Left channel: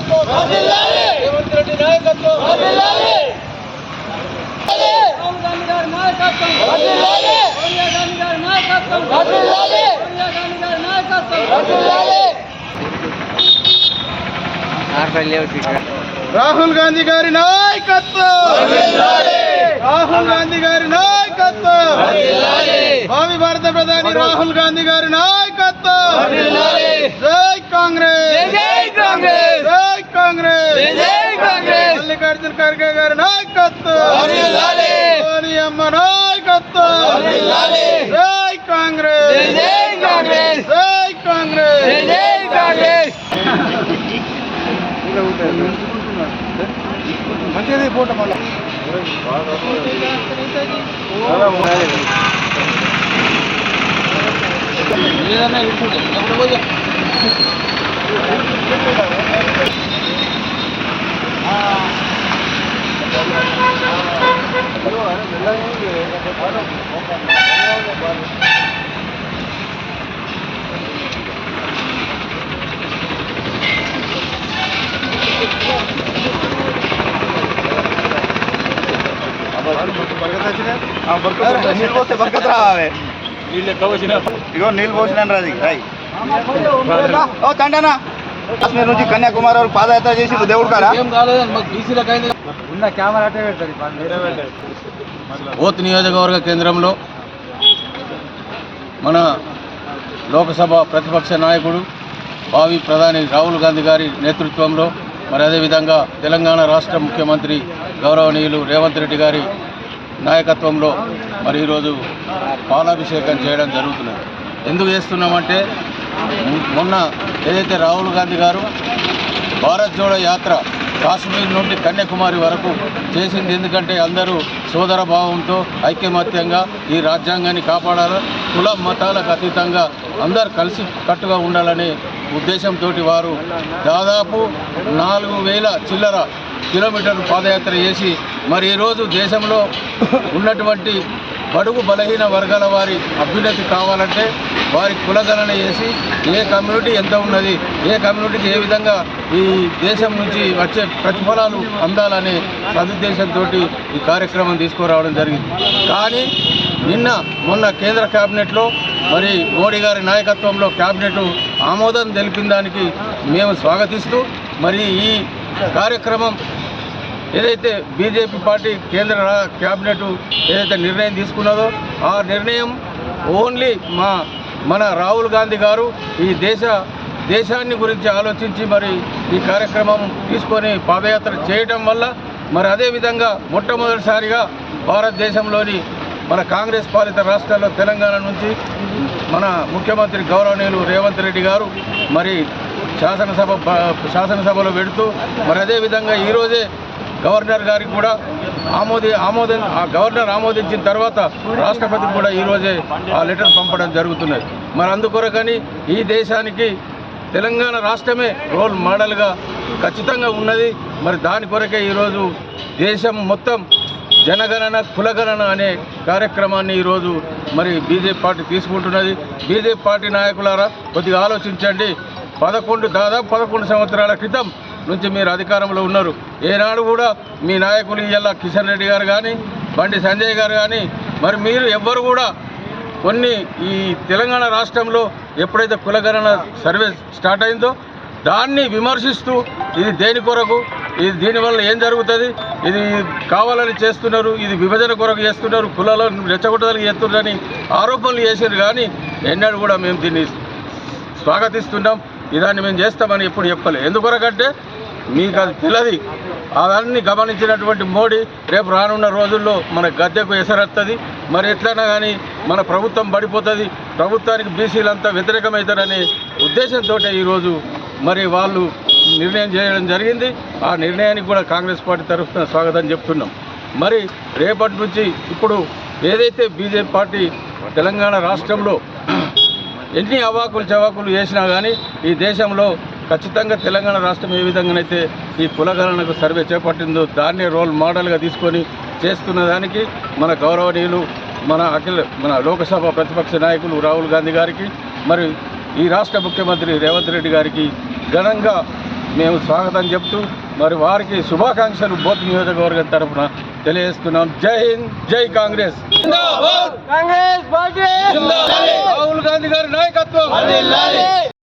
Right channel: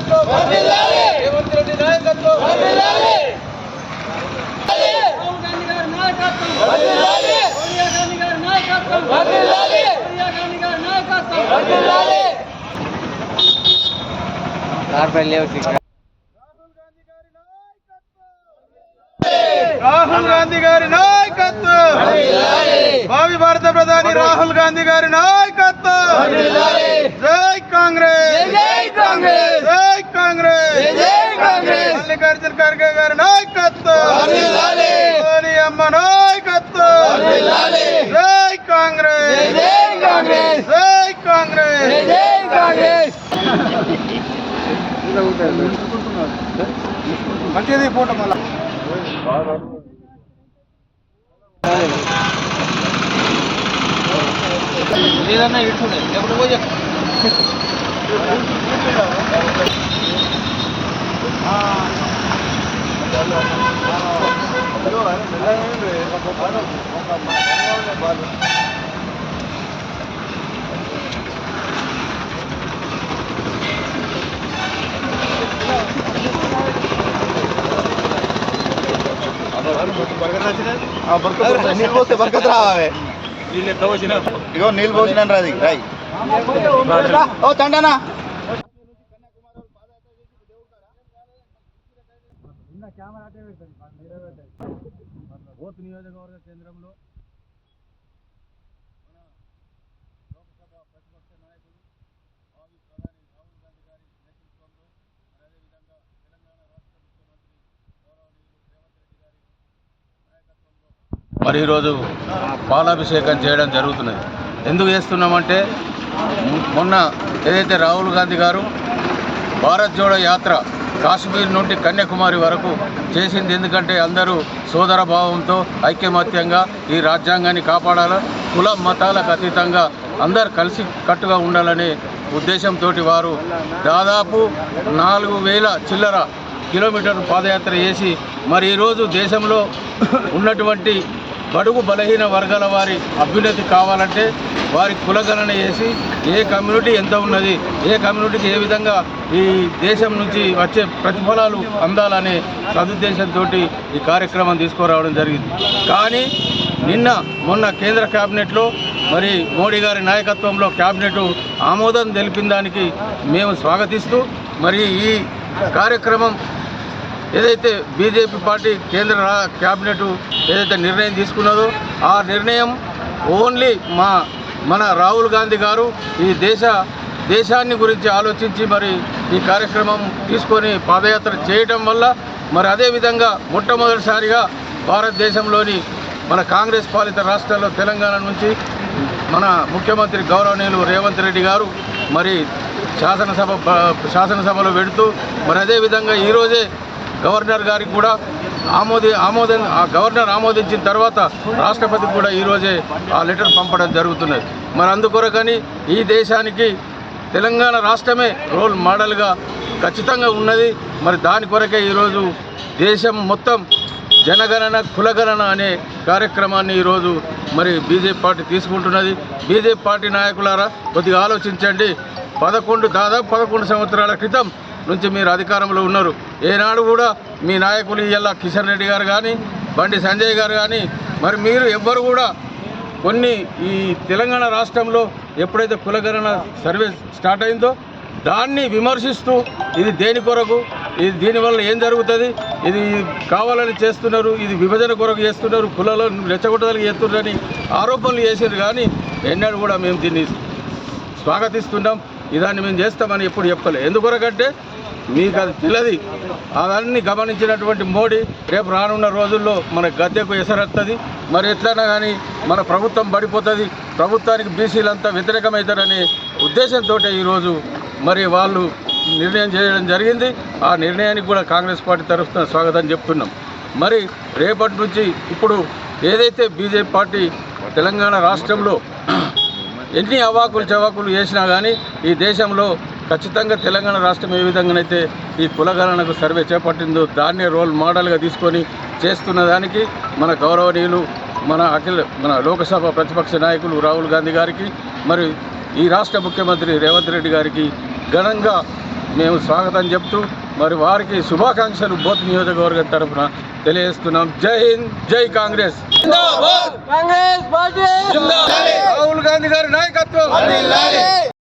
నాయకత్వం. రేవంత్ రెడ్డి నాయకత్వం. రాహుల్ గాంధీ గారి నాయకత్వం. సోనియా గాంధీ గారి నాయకత్వం. సోనియా గాంధీ గారి నాయకత్వం. రాహుల్ గాంధీ గారి నాయకత్వం. రాహుల్ గాంధీ గారి నాయకత్వం. భావి భారత ప్రధాని రాహుల్ గాంధీ గారి నాయకత్వం జై కాంగ్రెస్ జై కాంగ్రెస్ జై కాంగ్రెస్ జై కాంగ్రెస్ మల్లికార్జున ఖర్గే గారి నాయకత్వం సోనియమ్మ నాయకత్వం జై కాంగ్రెస్ జై కాంగ్రెస్ జై కాంగ్రెస్ జై కాంగ్రెస్ మంచిది ఫోటో మళ్ళా నీళ్ళు పోస్తే బరకత రావే ఇగో నీళ్ళు పోసిన రాది రాయి. ఓ తండనా కాశ్మీర్ నుంచి కన్యాకుమారి వరకు పాదయాత్ర చేసి దేవుడు కారా ఓత్ నియోజకవర్గ కేంద్రంలో మన లోకసభ ప్రతిపక్ష నాయకుడు భావి ప్రధాని రాహుల్ గాంధీ గారి నేతృత్వంలో మరి అదేవిధంగా తెలంగాణ రాష్ట్ర ముఖ్యమంత్రి గౌరవనీయులు రేవంత్ రెడ్డి గారి నాయకత్వంలో మరి ఈరోజు పాలాభిషేకం చేయడం జరుగుతున్నది. ఎందుకు చేస్తున్నామంటే మొన్న ఏదైతే రాహుల్ గాంధీ గారు భారత్ జోడో యాత్ర కాశ్మీర్ నుండి కన్యాకుమారి వరకు చేసింది ఎందుకంటే అందరూ సోదర భావంతో ఐక్యమత్యంగా ఈ రాజ్యాంగాన్ని కాపాడాలి కుల మతాలకు అతీతంగా అందరు కలిసి కట్టుగా ఉండాలనే ఉద్దేశంతో వారు దాదాపు నాలుగు వేల చిల్లర కిలోమీటర్లు పాదయాత్ర చేసి మరి ఈరోజు దేశంలో ఉన్నటువంటి బడుగు బలహీన వర్గాల వారి అభ్యున్నతి కావాలంటే వారి కులగణన చేసి ఏ కమ్యూనిటీ ఎంత ఉన్నది ఏ కమ్యూనిటీకి ఏ విధంగా ఈ దేశం నుంచి వచ్చే ప్రతిఫలాలు అందాలనే సదుద్దేశంతో ఈ కార్యక్రమం తీసుకురావడం జరిగింది. కానీ నిన్న మొన్న కేంద్ర క్యాబినెట్లో మరి మోడీ గారి నాయకత్వంలో క్యాబినెట్ ఆమోదం తెలిపిన దానికి మేము స్వాగతిస్తూ మరి ఈ కార్యక్రమం ఏదైతే బీజేపీ పార్టీ కేంద్ర క్యాబినెట్ ఏదైతే నిర్ణయం తీసుకున్నదో ఆ నిర్ణయం ఓన్లీ మా మన రాహుల్ గాంధీ గారు ఈ దేశ దేశాన్ని గురించి ఆలోచించి మరి ఈ కార్యక్రమం తీసుకొని పాదయాత్ర చేయటం వల్ల మరి అదేవిధంగా మొట్టమొదటిసారిగా భారతదేశంలోని మన కాంగ్రెస్ పాలిత రాష్ట్రాల్లో తెలంగాణ నుంచి మన ముఖ్యమంత్రి గౌరవనీయులు రేవంత్ రెడ్డి గారు మరి శాసనసభ శాసనసభలో పెడుతూ మరి అదేవిధంగా ఈరోజే గవర్నర్ గారికి కూడా ఆమోది ఆమోదం ఆ గవర్నర్ ఆమోదించిన తర్వాత రాష్ట్రపతికి కూడా ఈరోజే ఆ లెటర్ పంపడం జరుగుతున్నది. మరి అందుకొరకని ఈ దేశానికి తెలంగాణ రాష్ట్రమే రోల్ మోడల్గా ఖచ్చితంగా ఉన్నది. మరి దాని కొరకే ఈరోజు దేశం మొత్తం జనగణన కులగణన అనే కార్యక్రమాన్ని ఈరోజు మరి బీజేపీ పార్టీ తీసుకుంటున్నది. బీజేపీ పార్టీ నాయకులారా కొద్దిగా ఆలోచించండి. పదకొండు దాదాపు పదకొండు సంవత్సరాల క్రితం నుంచి మీరు అధికారంలో ఉన్నారు. ఏనాడు కూడా మీ నాయకులు ఇలా కిషన్ రెడ్డి గారు కానీ బండి సంజయ్ గారు కానీ మరి మీరు ఎవ్వరు కూడా కొన్ని ఈ తెలంగాణ రాష్ట్రంలో ఎప్పుడైతే కులగణన సర్వే స్టార్ట్ అయిందో దాన్ని విమర్శిస్తూ ఇది దేని కొరకు ఇది దీనివల్ల ఏం జరుగుతుంది ఇది కావాలని చేస్తున్నారు ఇది విభజన కొరకు చేస్తున్నారు కులాలను రెచ్చగొట్టడానికి చేస్తున్నారని ఆరోపణలు చేసారు కానీ ఎన్నడూ కూడా మేము దీన్ని స్వాగతిస్తున్నాం. ఇదాన్ని మేము చేస్తామని ఎప్పుడు చెప్పలే. ఎందుకొరకంటే మీకు అది తెలియదు అవన్నీ గమనించినటువంటి మోడీ రేపు రానున్న రోజుల్లో మన గద్దెకు ఎసరత్తది. మరి ఎట్లైనా కానీ మన ప్రభుత్వం పడిపోతుంది. ప్రభుత్వానికి బీసీలంతా వ్యతిరేకమవుతారనే ఉద్దేశంతో ఈరోజు మరి వాళ్ళు నిర్ణయం చేయడం జరిగింది. ఆ నిర్ణయానికి కూడా కాంగ్రెస్ పార్టీ తరఫున స్వాగతం చెప్తున్నాం. మరి రేపటి నుంచి ఇప్పుడు ఏదైతే బీజేపీ పార్టీ తెలంగాణ రాష్ట్రంలో ఎన్ని అవాకులు చవాకులు చేసినా కానీ ఈ దేశంలో ఖచ్చితంగా తెలంగాణ రాష్ట్రం ఏ విధంగానైతే ఈ కులగణనకు సర్వే చేపట్టిందో దాన్నే రోల్ మోడల్గా తీసుకొని చేస్తున్న దానికి మన గౌరవనీయులు మన అఖిల మన లోకసభ ప్రతిపక్ష నాయకులు రాహుల్ గాంధీ గారికి మరి ఈ రాష్ట్ర ముఖ్యమంత్రి రేవంత్ రెడ్డి గారికి ఘనంగా మేము స్వాగతం చెప్తూ మరి వారికి శుభాకాంక్షలు బోత్ నియోజకవర్గం తరఫున తెలియజేస్తున్నాం. జై హింద్ జై కాంగ్రెస్. కాంగ్రెస్ పార్టీ. రాహుల్ గాంధీ గారి నాయకత్వం.